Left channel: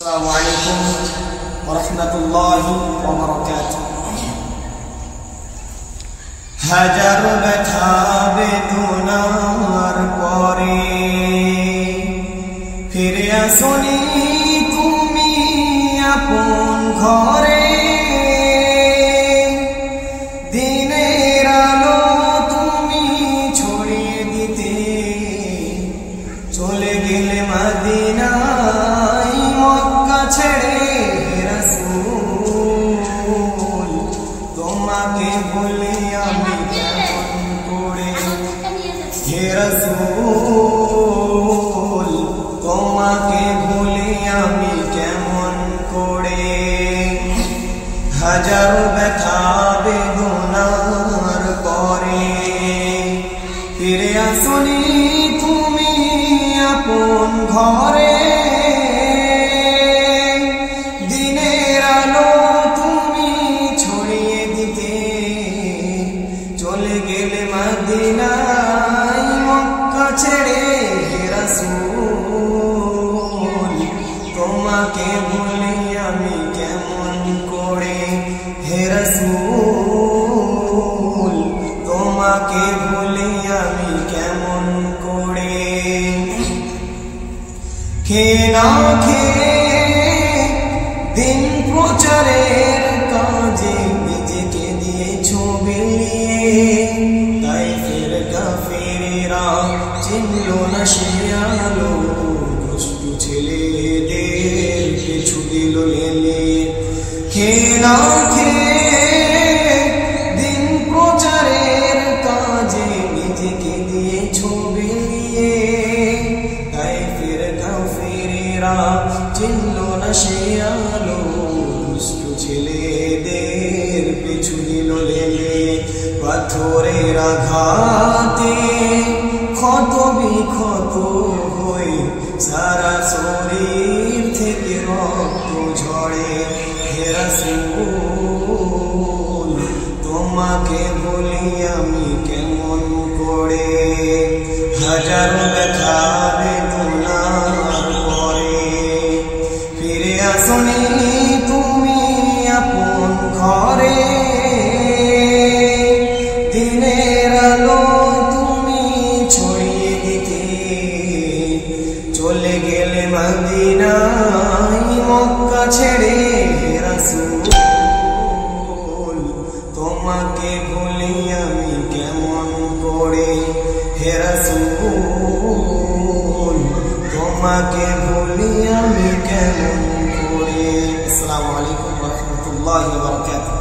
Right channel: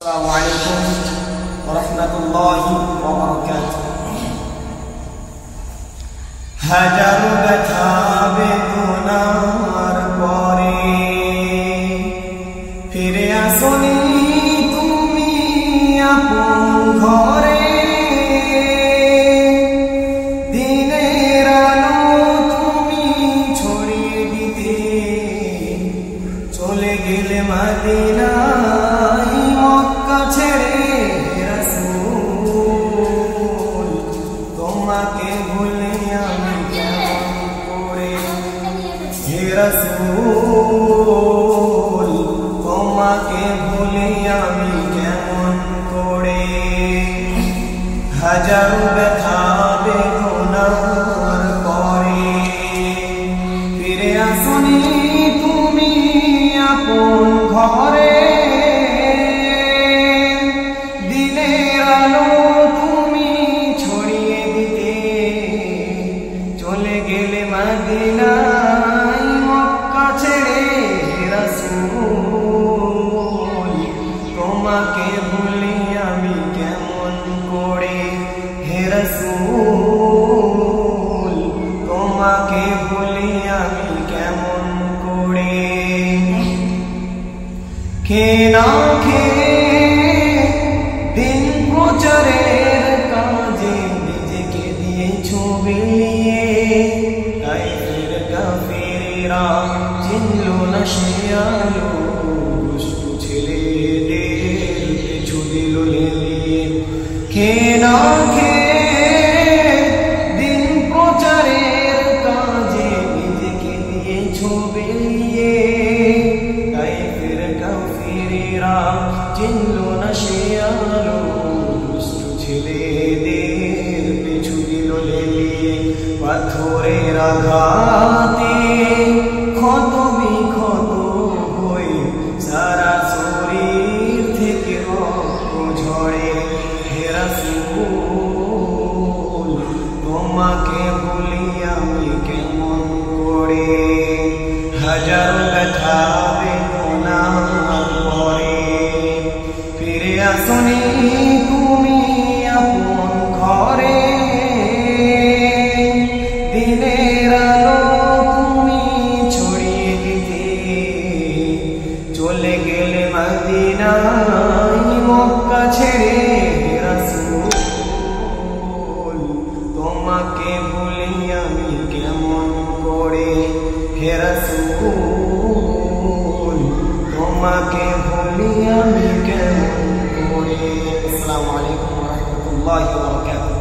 আসসালামু আলাইকুম ওয়া রাহমাতুল্লাহি ওয়া বারাকাতুহু। হাজার ব্যথা বেদনার পরে ফিরে আসনি তুমি আপন ঘরে। দিনের আলো তুমি ছড়িয়ে দিতে চলে গেলে মদিনায় মক্কা ছেড়ে। রাসূল তোমাকে ভুলে আমি কেমন করে, হে রাসূল তোমাকে ভুলে আমি কেমন করে। হাজারো ব্যথা বেদনার পরে ফিরে আসনি তুমি আপন ঘরে। দিনের আলো তুমি ছড়িয়ে দিতে চলে গেলে মদিনায় মক্কা ছেড়ে। রাসূল তোমাকে ভুলে আমি কেমন করে, হে রাসূল তোমাকে ভুলে আমি কেমন করে। খেয়ে না খেয়ে দিন প্রচারের কাজে নিজেকে দিয়েছো বিলিয়ে। তাইফের কাফেরেরা চিনল না সে আলো, দুষ্টু ছেলেদের পিছু দিল লেলিয়ে। খেয়ে না খেয়ে দিন প্রচারের কাজে নিজেকে দিয়েছো বিলিয়ে। তাইফের কাফেরেরা চিনল না সে আলো, দুষ্টু ছেলেদের পিছু দিল লেলিয়ে। পাথরের আঘাতে ক্ষত বিক্ষত হয়ে সারা শরীর থেকে রক্ত ঝরে। হে রাসূল তোমাকে ভুলি আমি কেমন করে। হাজারো ব্যথা বেদনার পরে ফিরে আসনি তুমি আপন ঘরে। দিনের আলো তুমি ছড়িয়ে দিতে চলে গেলে মদিনায় মক্কা ছেড়ে। রাসূল তোমাকে ভুলি আমি কেমন করে, হে রাসূল তোমাকে ভুলি আমি কেমন করে। আসসালামু আলাইকুম ওয়া রাহমাতুল্লাহি ওয়া বারাকাতুহু।